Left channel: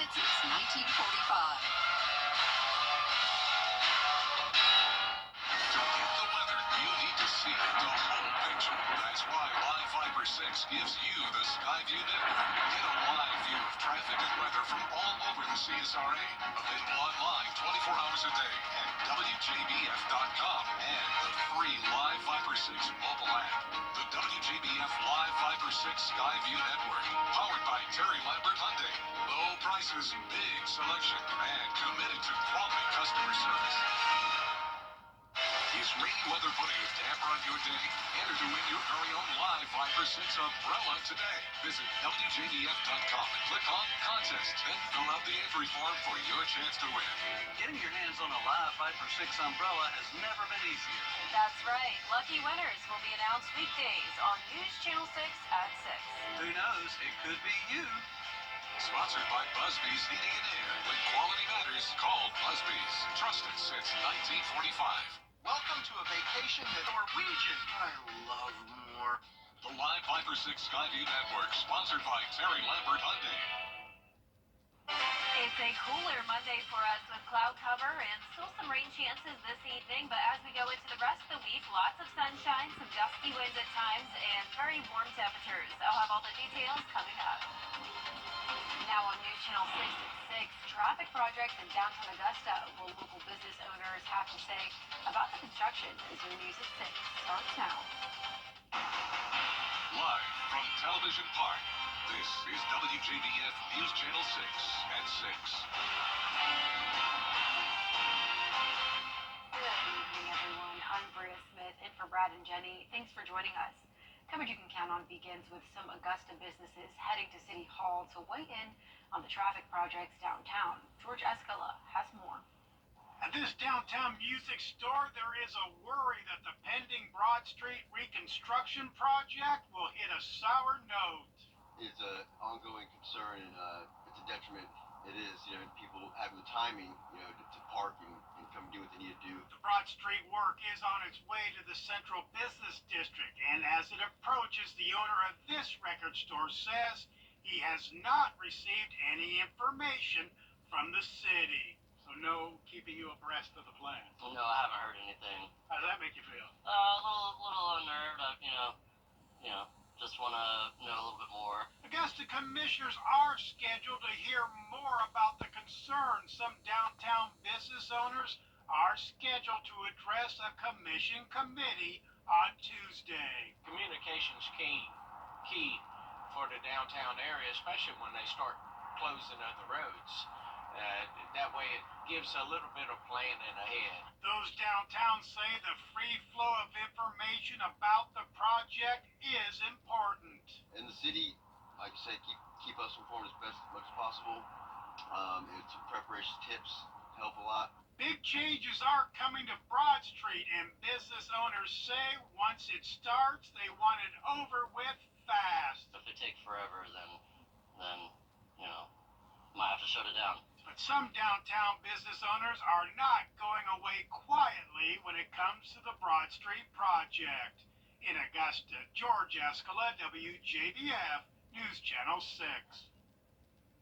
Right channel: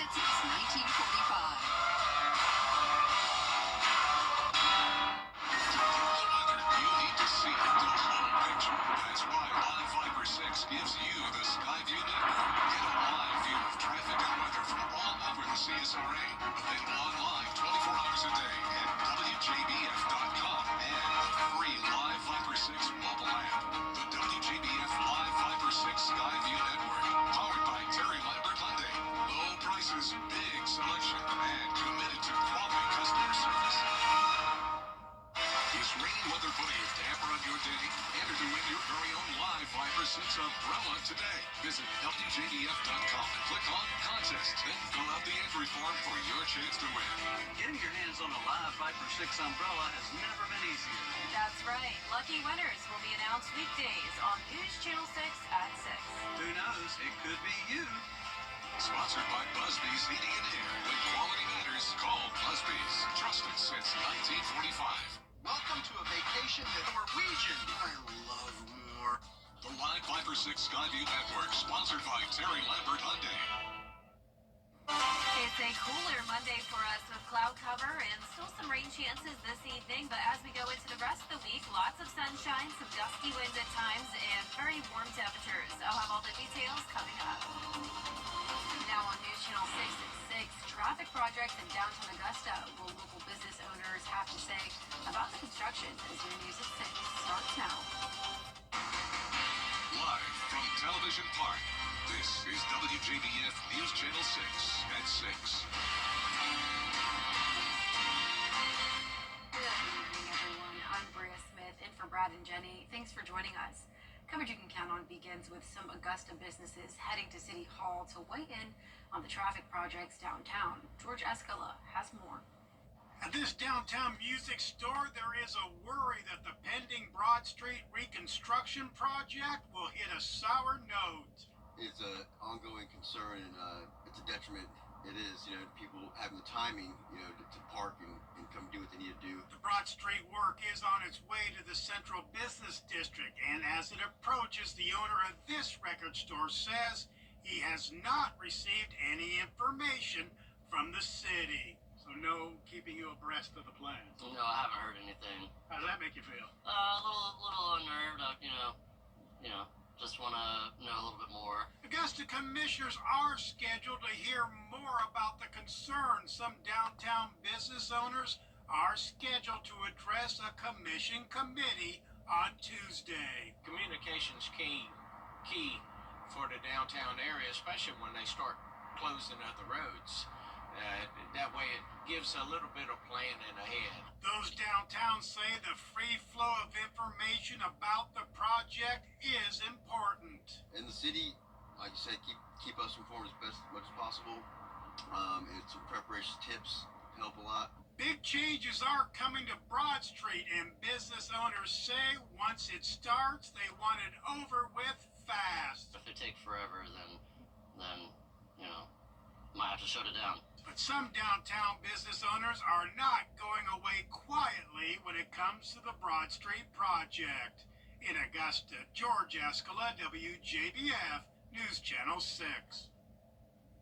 existed since 1945. To get the weather, you need to see the whole picture. That's why Live Viper 6 gives you the Skyview Network. Get a live view of traffic and weather from all over the CSRA. Available online 24 hours a day at WJBF.com and the free Live Viper 6 mobile app. The WJBF Live Viper 6 Skyview Network. Powered by Terry Lambert Hyundai. Low prices, big selection, and committed to quality customer service. Is rainy weather putting a damper on your day? Enter to win your very own Live Viper 6 umbrella today. Visit WJBF.com and click on Contest. Then fill out the entry form for your chance to win. Getting your hands on a Live Viper 6 umbrella has never been easier. That's right. Lucky winners will be announced weekdays on News Channel 6 at 6. Who knows? It could be you. Sponsored by Busby's Heating and Air. When quality matters, call Busby's. Trusted since 1945. Welcome to a vacation with Norwegian. I love more. The Live Viper 6 Skyview Network, sponsored by Terry Lambert Hyundai. It's a cooler Monday for us with cloud cover and still some rain chances this evening, but as we go into the rest of the week, lots of sunshine, some gusty winds at times, and very warm temperatures. I'll have all the details coming up. Now on News Channel 6 at 6, traffic projects in downtown Augusta. What local business owners have to say about the construction as your news at 6 starts now. Live from Television Park, this is WJBF News Channel 6 at 6. Good evening, everyone. I'm Bria Smith, in for Brad and Jenny. Thanks for joining us. Coverage you can count on begins with some Augusta businesses heading to City Hall to weigh in on the traffic projects downtown. George Escala has more. At this downtown music store, there is a worry that the pending Broad Street reconstruction project will hit a sour note. It's an ongoing concern, and it's a detriment. It is, people having the timing, to park and come do what they need to do. The Broad Street work is on its way to the Central Business District, and as it approaches, the owner of this record store says he has not received any information from the city. So no keeping you abreast of the plan. No, I haven't heard anything. How does that make you feel? A little unnerved. Just want to know a little bit more. Augusta commissioners are scheduled to hear more about the concerns. Some downtown business owners are scheduled to address a commission committee on Tuesday. Communication's key for the downtown area, especially when they start closing other roads. That way it gives a little bit of planning ahead. Those downtown say the free flow of information about the project is important. And the city, like I said, keep us informed as much as possible. And some preparation tips help a lot. Big changes are coming to Broad Street, and business owners say once it starts, they want it over with fast. If they take forever, then might have to shut it down. But some downtown business owners are not going away quietly when it comes to the Broad Street project. In Augusta, George Escala, WJBF, News Channel 6.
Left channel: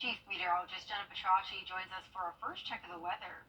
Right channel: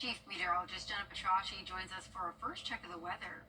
Chief Meteorologist Jenna Petracci joins us for our first check of the weather.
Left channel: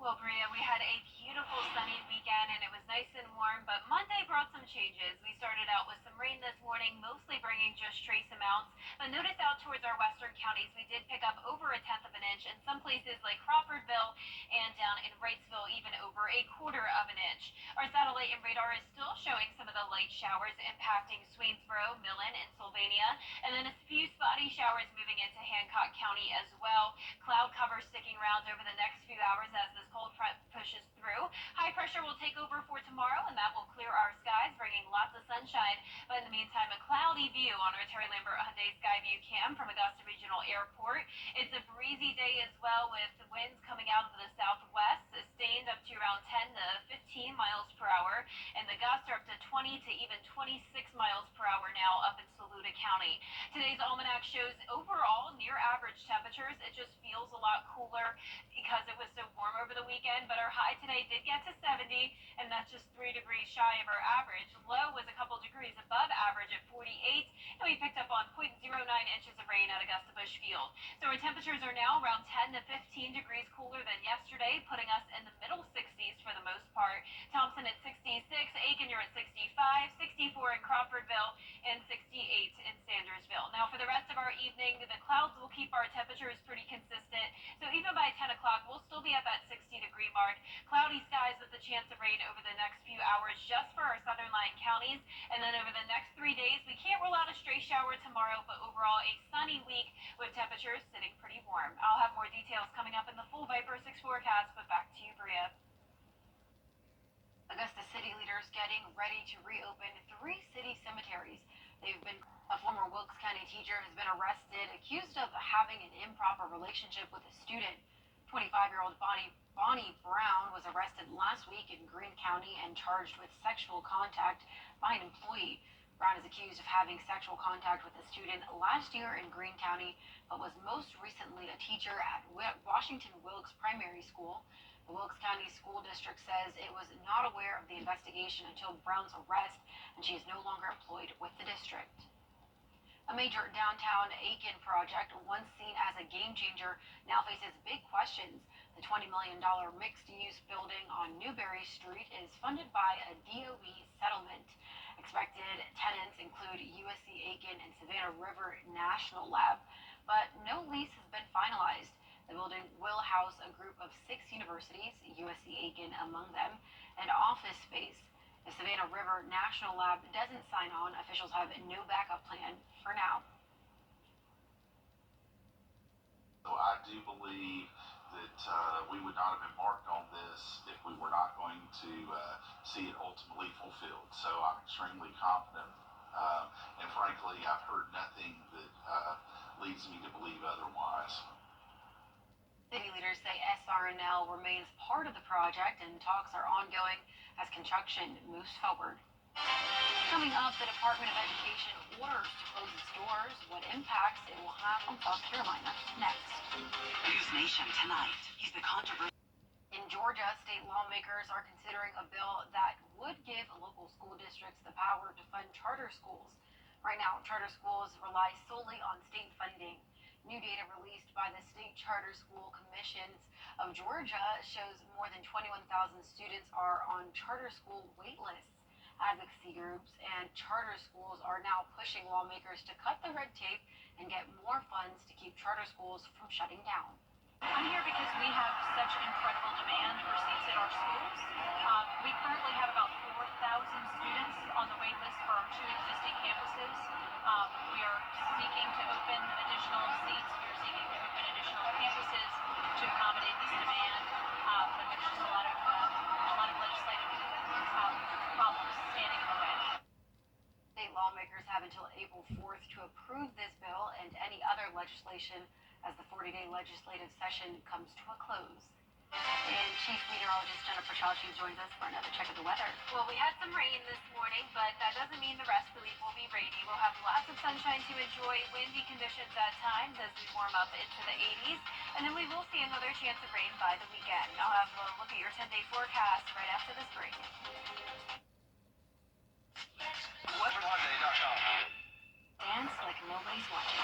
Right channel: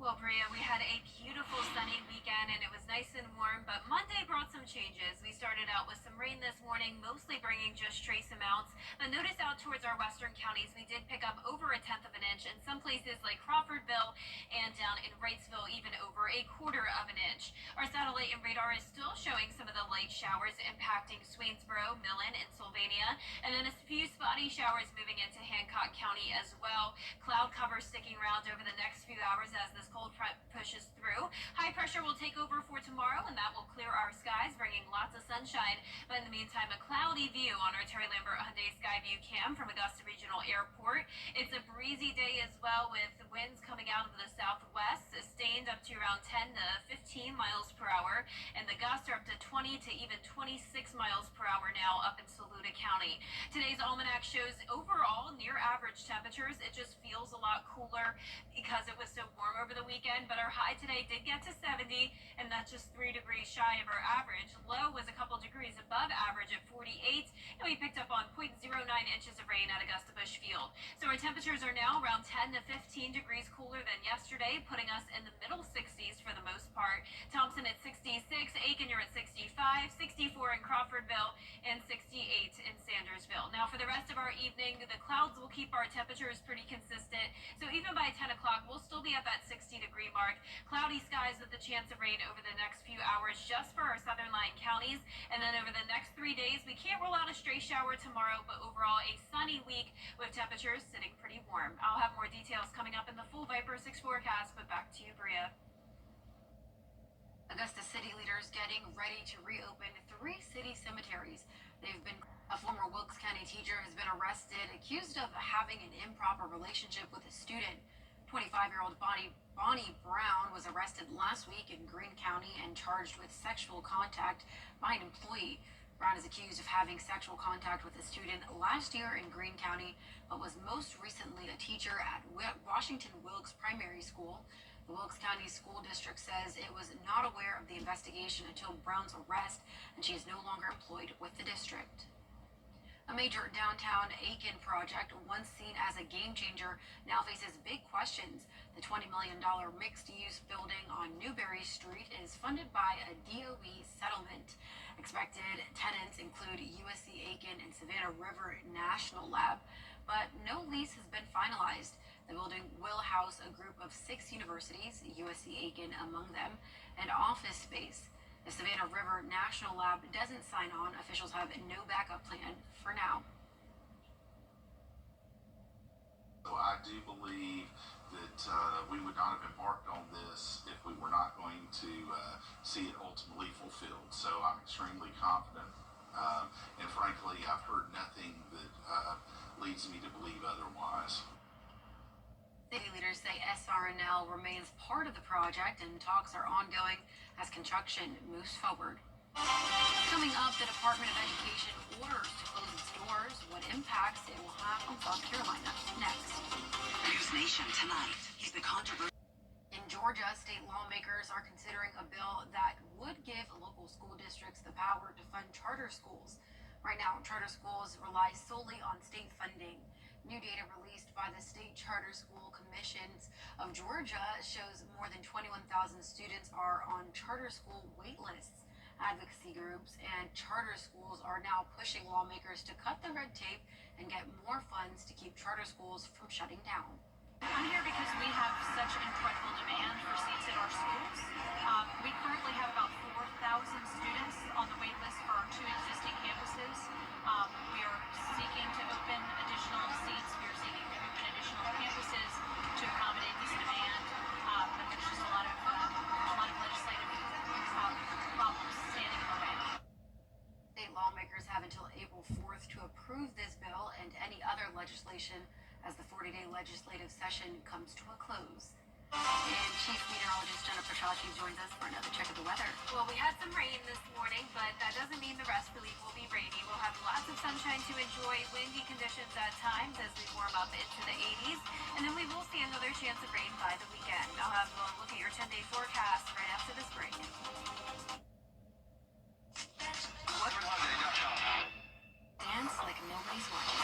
Well, Bria, we had a beautiful sunny weekend and it was nice and warm, but Monday brought some changes. We started out with some rain this morning, mostly bringing just trace amounts. But notice out towards our western counties, we did pick up over 1/10 of an inch, in some places like Crawfordville and down in Wrightsville, even over 1/4 of an inch. Our satellite and radar is still showing some of the light showers impacting Swainsboro, Millen, and Sylvania, and then a few spotty showers moving into Hancock County as well. Cloud cover sticking around over the next few hours as this cold front pushes through. High pressure will take over for tomorrow, and that will clear our skies, bringing lots of sunshine. But in the meantime, a cloudy view on our Terry Lambert Hyundai Skyview Cam from Augusta Regional Airport. It's a breezy day as well, with winds coming out of the southwest, sustained up to around 10 to 15 miles per hour, and the gusts are up to 20 to even 26 miles per hour now up in Saluda County. Today's almanac shows overall near average temperatures. It just feels a lot cooler because it was so warm over the the weekend, but our high today did get to 70, and that's just 3 degrees shy of our average. Low was a couple degrees above average at 48, and we picked up on 0.09 inches of rain at Augusta Busch Field. So our temperatures are now around 10 to 15 degrees cooler than yesterday, putting us in the middle 60s for the most part. Thompson at 66, Aiken, you're at 65, 64 in Crawfordville, and 68 in Sandersville. Now for the rest of our evening, the clouds will keep our temperatures pretty consistent. So even by 10 o'clock, we'll still be at that 60-degree mark. Cloudy skies with the chance of rain over the next few hours just for our southern line counties. And then over the next 3 days, we can't rule out a stray shower tomorrow, but overall a sunny week with temperatures sitting pretty warm. I'll have more details coming up in the full Viper 6 forecast, but back to you, Bria. Augusta city leaders getting ready to reopen 3 city cemeteries. A former Wilkes County teacher has been arrested, accused of having an improper relationship with a student. 25-year-old Bonnie Brown was arrested last week in Greene County and charged with sexual contact by an employee. Brown is accused of having sexual contact with a student last year in Greene County, but was most recently a teacher at Washington Wilkes Primary School. The Wilkes County School District says it was not aware of the investigation until Brown's arrest, and she is no longer employed with the district. A major downtown Aiken project, once seen as a game changer, now faces big questions. The $20 million mixed-use building on Newberry Street is funded by a DOE settlement. Expected tenants include USC Aiken and Savannah River National Lab, but no lease has been finalized. The building will house a group of 6 universities, USC Aiken among them, and office space. If Savannah River National Lab doesn't sign on, officials have no backup plan for now. So I do believe that we would not have embarked on this if we were not going to see it ultimately fulfilled. So I'm extremely confident, and frankly, I've heard nothing that leads me to believe otherwise. City leaders say SRNL remains part of the project and talks are ongoing as construction moves forward. Coming up, the Department of Education orders to close its doors, what impacts it will have on South Carolina. Next. News Nation tonight. He's the controversy. In Georgia, state lawmakers are considering a bill that would give local school districts the power to fund charter schools. Right now, charter schools rely solely on state funding. New data released by the State Charter School Commissions of Georgia shows more than 21,000 students are on charter school wait lists. Advocacy groups and charter schools are now pushing lawmakers to cut the red tape and get more funds to keep charter schools from shutting down. I'm here because we have such incredible demand for seats at our schools. We currently have about 4,000 students on the wait list for our 2 existing campuses. We are seeking to open additional seats. We are seeking to open additional campuses to accommodate this demand. But there's just a lot of legislative problems standing in the way. State lawmakers have until April 4th to approve this bill and any other legislation as the 40-day legislative session comes to a close. And Chief Meteorologist Jennifer Chachi joins us for another check of the weather. Well, we had some rain this morning, but that doesn't mean the rest of the week will be rainy. We'll have lots of sunshine to enjoy, windy conditions at times as we warm up into the 80s, and then we will see another chance of rain by the weekend. I'll have a look at your 10-day forecast right after this break. Dance like nobody's watching.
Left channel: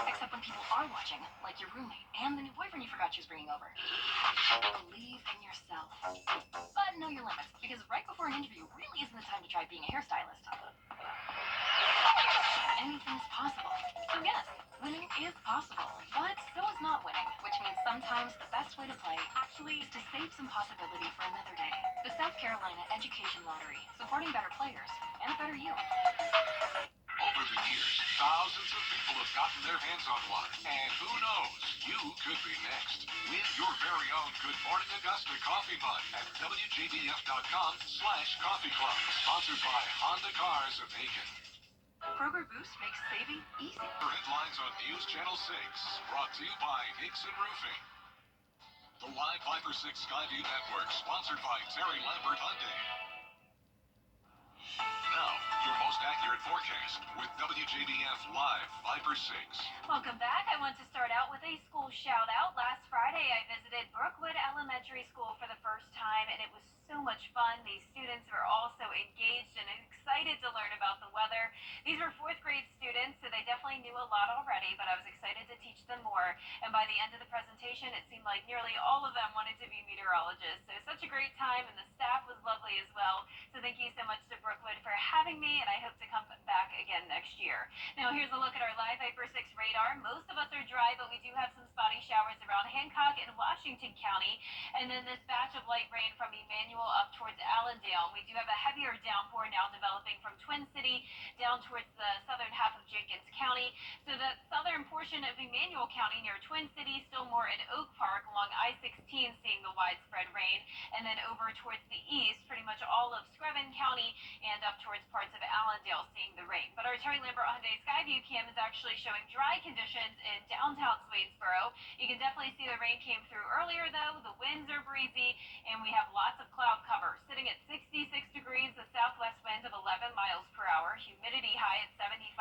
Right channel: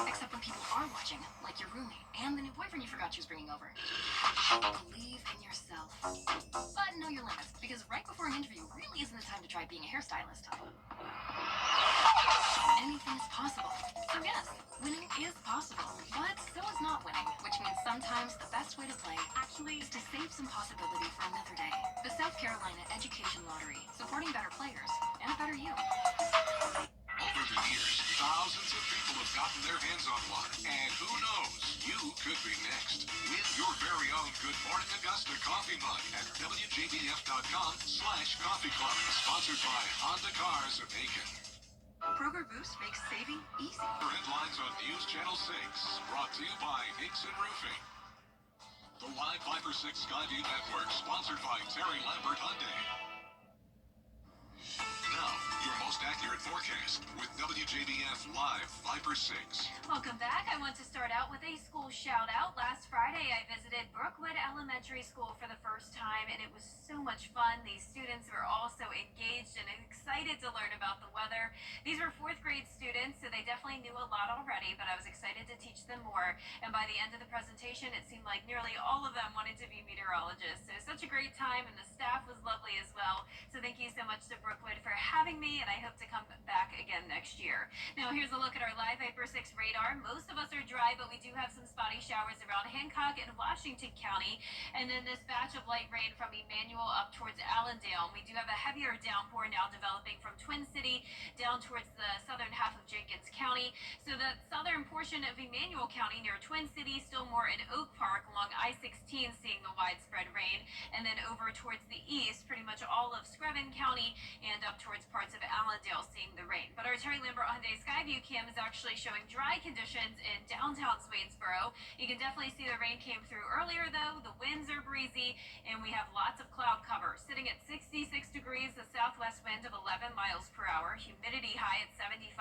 Except when people are watching, like your roommate and the new boyfriend you forgot she was bringing over. Believe in yourself. But know your limits, because right before an interview really isn't the time to try being a hairstylist. Anything is possible. So yes, winning is possible, but so is not winning, which means sometimes the best way to play actually is to save some possibility for another day. The South Carolina Education Lottery, supporting better players and a better you. Over the years, thousands of people have gotten their hands on one. And who knows, you could be next. Win your very own Good Morning Augusta coffee mug at WJBF.com/coffee club. Sponsored by Honda Cars of Aiken. Kroger Boost makes saving easy. Headlines on News Channel 6. Brought to you by Hickson Roofing. The Live Viper 6 Skyview Network. Sponsored by Terry Lambert Hyundai. Now, your most accurate forecast with WJBF Live Viper 6. Welcome back. I want to start out with a school shout out. Last Friday, I visited Brookwood Elementary School for the first time, and it was so much fun. These students were all so engaged and excited to learn about the weather. These were fourth grade students, so they definitely knew a lot already, but I was excited to teach them more. And by the end of the presentation, it seemed like nearly all of them wanted to be meteorologists. So such a great time, and the staff was lovely as well. So thank you so much to Brookwood for having me, and I hope to come back again next year. Now here's a look at our live Viper 6 radar. Most of us are dry, but we do have some spotty showers around Hancock and Washington County. And then this batch of light rain from Emmanuel up towards Allendale. We do have a heavier downpour now developing from Twin City down towards the southern half of Jenkins County. So the southern portion of Emmanuel County near Twin City, still more in Oak Park along I-16 seeing the widespread rain. And then over towards the east, pretty much all of Screven County and up towards parts of Allendale seeing the rain. But our Terry Lambert Hyundai Skyview cam is actually showing dry conditions in downtown Swainsboro. You can definitely see the rain came through earlier though. The winds are breezy and we have lots of cloud cover. Sitting at 66 degrees, the southwest wind of 11 miles per hour, humidity high at 75%.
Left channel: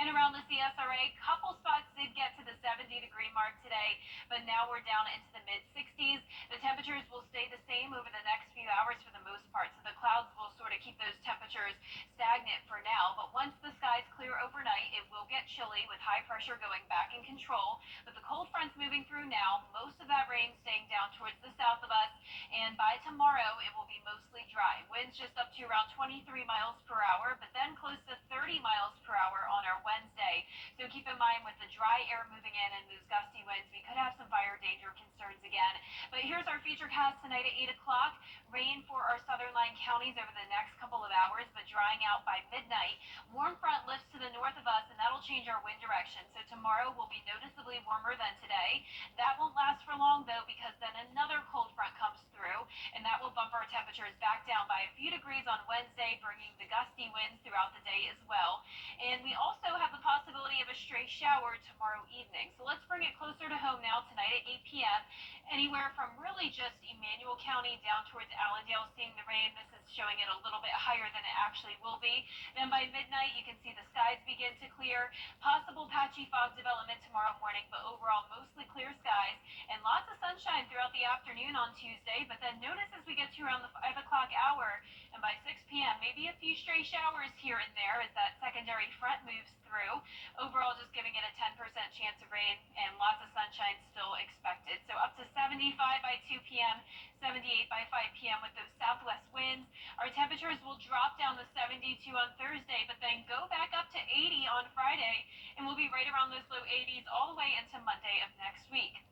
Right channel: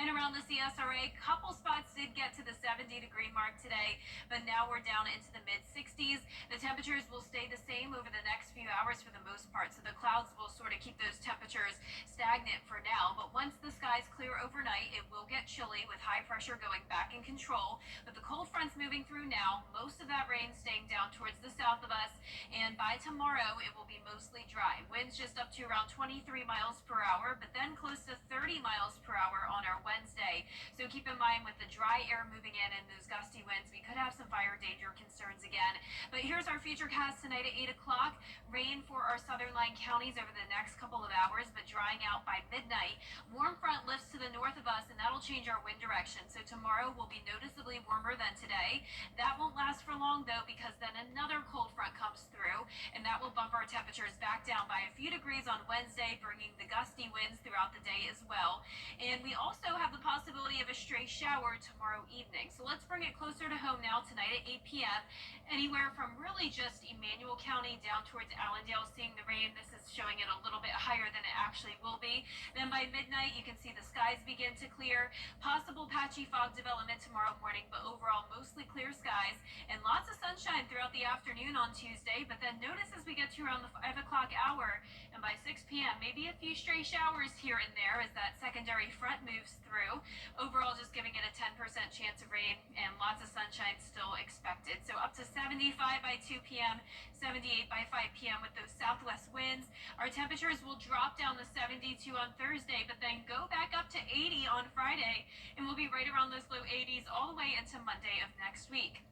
And around the CSRA, couple spots did get to the 70-degree mark today, but now we're down into the mid-60s. The temperatures will stay the same over the next few hours for the most part, so the clouds will sort of keep those temperatures stagnant for now. But once the skies clear overnight, it will get chilly with high pressure going back in control. But the cold front's moving through now, most of that rain staying down towards the south of us, and by tomorrow it will be mostly dry. Winds just up to around 23 miles per hour, but then close to 30 miles per hour on our Wednesday. So keep in mind with the dry air moving in and those gusty winds, we could have some fire danger concerns again. But here's our futurecast tonight at 8 o'clock. Rain for our southern line counties over the next couple of hours, but drying out by midnight. Warm front lifts to the north of us, and that'll change our wind direction. So tomorrow will be noticeably warmer than today. That won't last for long though, because then another cold front comes through, and that will bump our temperatures back down by a few degrees on Wednesday, bringing the gusty winds throughout the day as well. And we also have the possibility of a stray shower tomorrow evening. So let's bring it closer to home now tonight at 8 p.m. Anywhere from really just Emmanuel County down towards Allendale seeing the rain. This is showing it a little bit higher than it actually will be. Then by midnight, you can see the skies begin to clear. Possible patchy fog development tomorrow morning, but overall mostly clear skies and lots of sunshine throughout the afternoon on Tuesday. But then notice as we get to around the 5 o'clock hour and by 6 p.m., maybe a few stray showers here and there as that secondary front moves through. Overall, just giving it a 10% chance of rain and lots of sunshine still expected. So up to 75 by 2 p.m., 78 by 5 p.m. with those southwest winds. Our temperatures will drop down to 72 on Thursday, but then go back up to 80 on Friday, and we'll be right around those low 80s all the way into Monday of next week.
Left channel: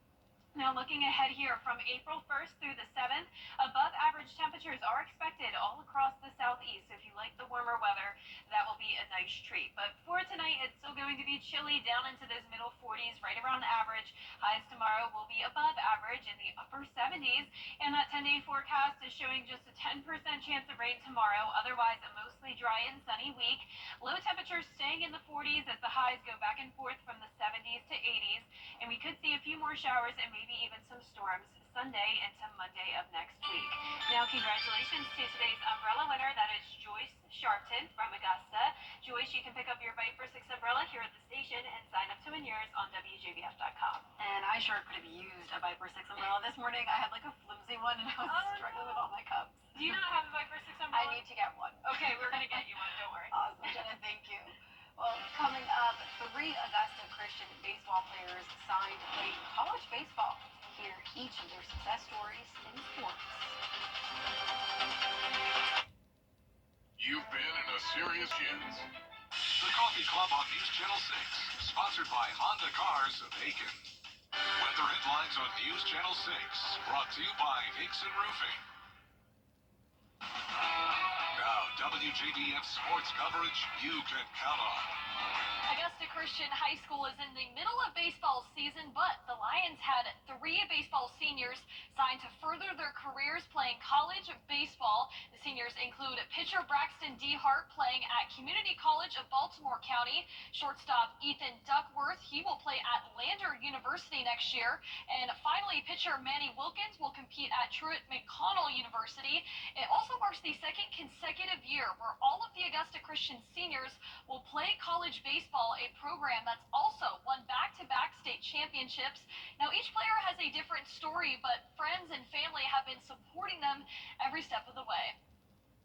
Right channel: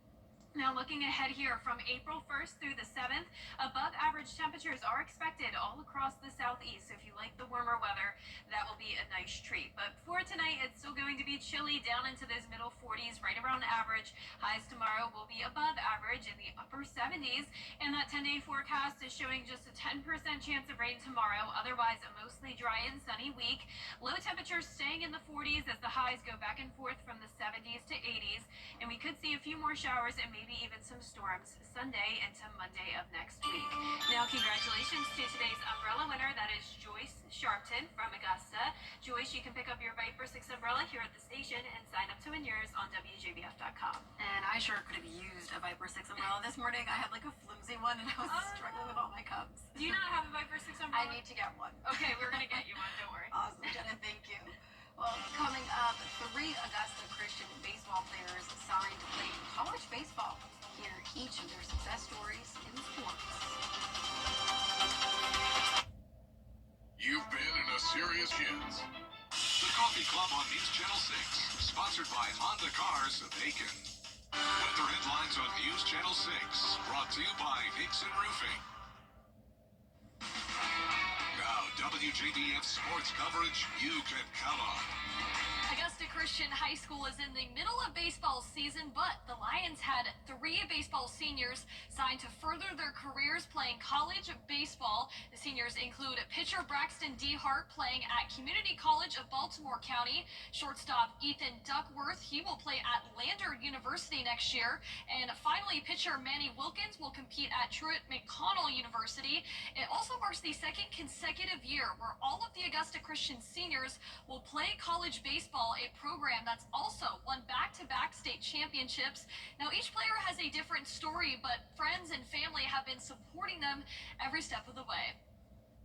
Now looking ahead here from April 1st through the 7th, above average temperatures are expected all across the southeast. So if you like the warmer weather, that will be a nice treat. But for tonight, it's still going to be chilly down into those middle 40s, right around average. Highs tomorrow will be above average in the upper 70s. And that 10-day forecast is showing just a 10% chance of rain tomorrow. Otherwise, a mostly dry and sunny week. Low temperatures staying in the 40s as the highs go back and forth from the 70s to 80s. And we could see a few more showers and maybe even some storms Sunday into Monday of next week. Now, congratulations to today's umbrella winner. That is Joyce Sharpton from Augusta. Joyce, you can pick up your Viper 6 umbrella here at the station and sign up to win yours on WJBF.com. And I sure could have used a Viper 6 umbrella this morning. I had like a flimsy one and I was struggling with all my cups. Do you not have a Viper 6 umbrella? I need to get one. Okay, we're going to get you one. Don't worry. Awesome, Jenna. Thank you. Well, coming up, 3 Augusta Christian baseball players signed to play college baseball. Hear each of their success stories in sports. You've been in a serious shins. The Coffee Club on News Channel 6, sponsored by Honda Cars of Aiken. Weather headlines on News Channel 6, brought to you by Hickson Roofing. Now, WJBF sports coverage you can count on. Augusta Christian Christian High School is in the middle of baseball season, but the Lions had 3 baseball seniors signed to further their careers playing college baseball. The seniors include pitcher Braxton D. Hart playing at Community College of Baltimore County, shortstop Ethan Duckworth, he will play at Lander University next year, and finally pitcher Manny Wilkins will compete at Truett McConnell University. It also marks the second consecutive year where all of the Augusta Christian seniors will play college baseball, a program that's also won back-to-back state championships. Now, each player has a different story, but friends and family have been supporting them every step of the way.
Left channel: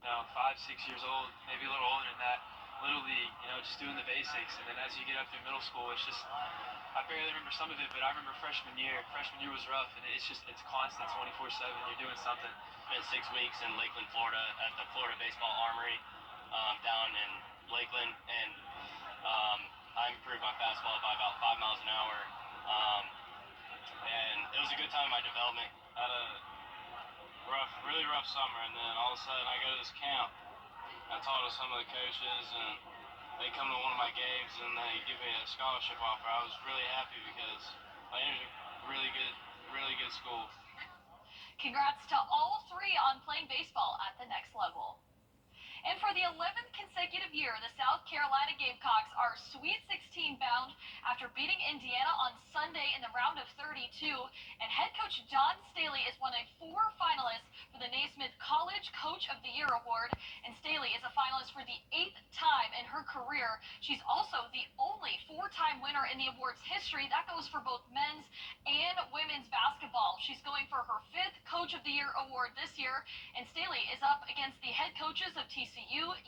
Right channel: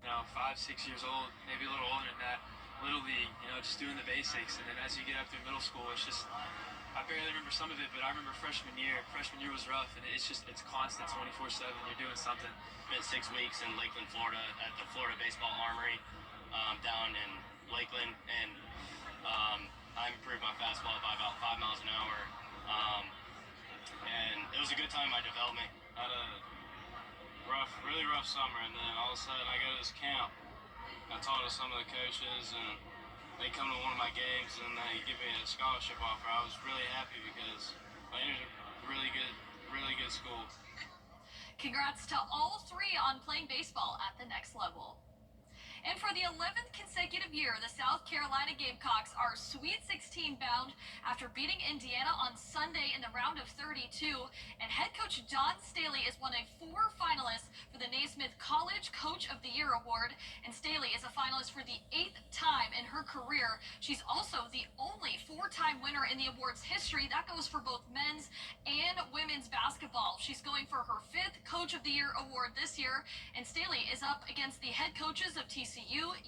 5, 6 years old, maybe a little older than that, little league, just doing the basics. And then as you get up through middle school, it's just, I barely remember some of it, but I remember freshman year. Freshman year was rough, and it's constant 24/7. You're doing something. Spent 6 weeks in Lakeland, Florida, at the Florida Baseball Armory down in Lakeland, and I improved my fastball by about 5 miles an hour, and it was a good time in my development. Had a really rough summer, and then all of a sudden I go to this camp. I talked to some of the coaches, and they come to one of my games, and they give me a scholarship offer. I was really happy because Lander's a really good school. Congrats to all 3 on playing baseball at the next level. And for the 11th consecutive year, the South Carolina Gamecocks are Sweet 16 bound after beating Indiana on Sunday in the round of 32. And head coach Don Staley is one of 4 finalists for the Naismith College Coach of the Year award. And Staley is a finalist for the 8th time in her career. She's also the only 4-time winner in the award's history. That goes for both men's and women's basketball. She's going for her 5th Coach of the Year award this year. And Staley is up against the head coaches of TCU,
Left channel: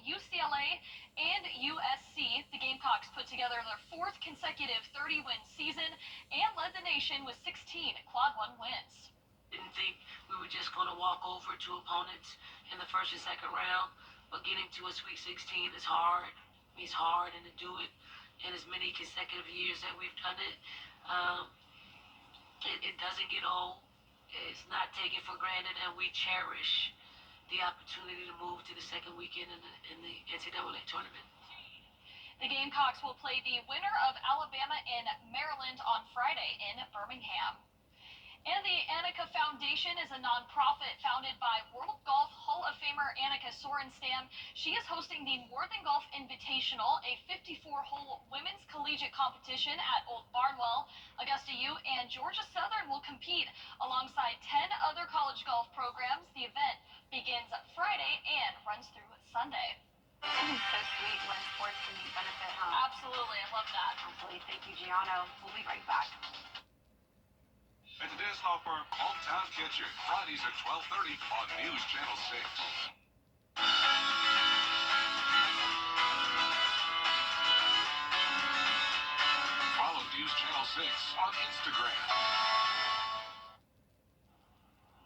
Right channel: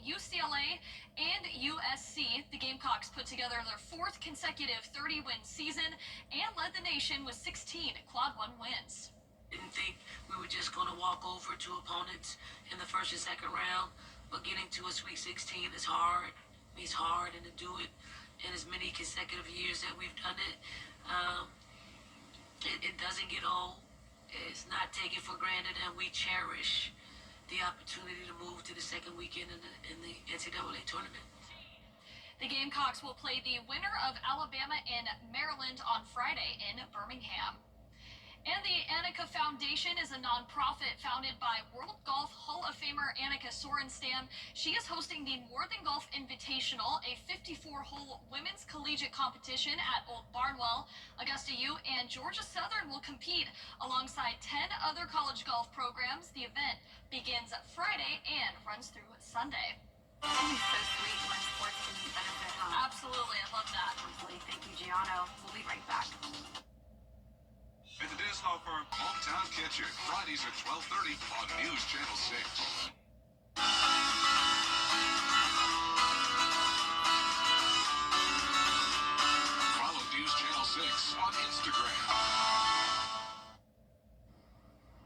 UCLA, and USC. The Gamecocks put together their 4th consecutive 30-win season and led the nation with 16 Quad 1 wins. Didn't think we were just going to walk over to opponents in the first and second round, but getting to a Sweet 16 is hard. It's hard, and to do it in as many consecutive years that we've done it, it doesn't get old. It's not taken for granted, and we cherish the opportunity to move to the second weekend in the NCAA tournament. The Gamecocks will play the winner of Alabama and Maryland on Friday in Birmingham. And the Annika Foundation is a nonprofit founded by World Golf Hall of Famer Annika Sorenstam. She is hosting the More Than Golf Invitational, a 54-hole women's collegiate competition at Old Barnwell. Augusta U and Georgia Southern will compete alongside 10 other college golf programs. The event begins Friday and runs through Sunday. It's so sweet when sports can be benefit, huh? Absolutely, I love that. Absolutely. Thank you, Gianno. We'll be right back. At the Diz Law Firm, Hometown Catcher, Fridays at 12:30 on News Channel 6. Follow News Channel 6 on Instagram.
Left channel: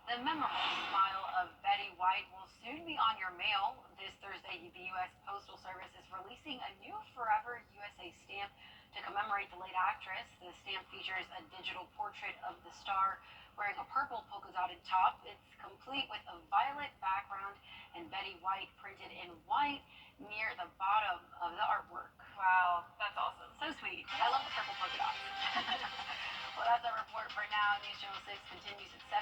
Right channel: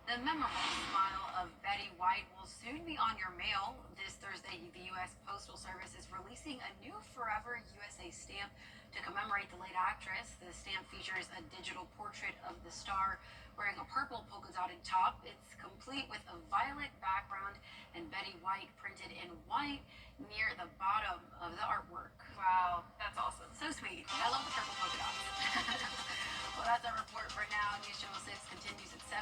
The memorable smile of Betty White will soon be on your mail. This Thursday, the U.S. Postal Service is releasing a new Forever USA stamp to commemorate the late actress. The stamp features a digital portrait of the star wearing a purple polka-dotted top. It's complete with a violet background and Betty White printed in white near the bottom of the artwork. Wow, that's awesome. So sweet. I love the purple polka dots. Well, that's our report for now. News Channel 6 continues at 7.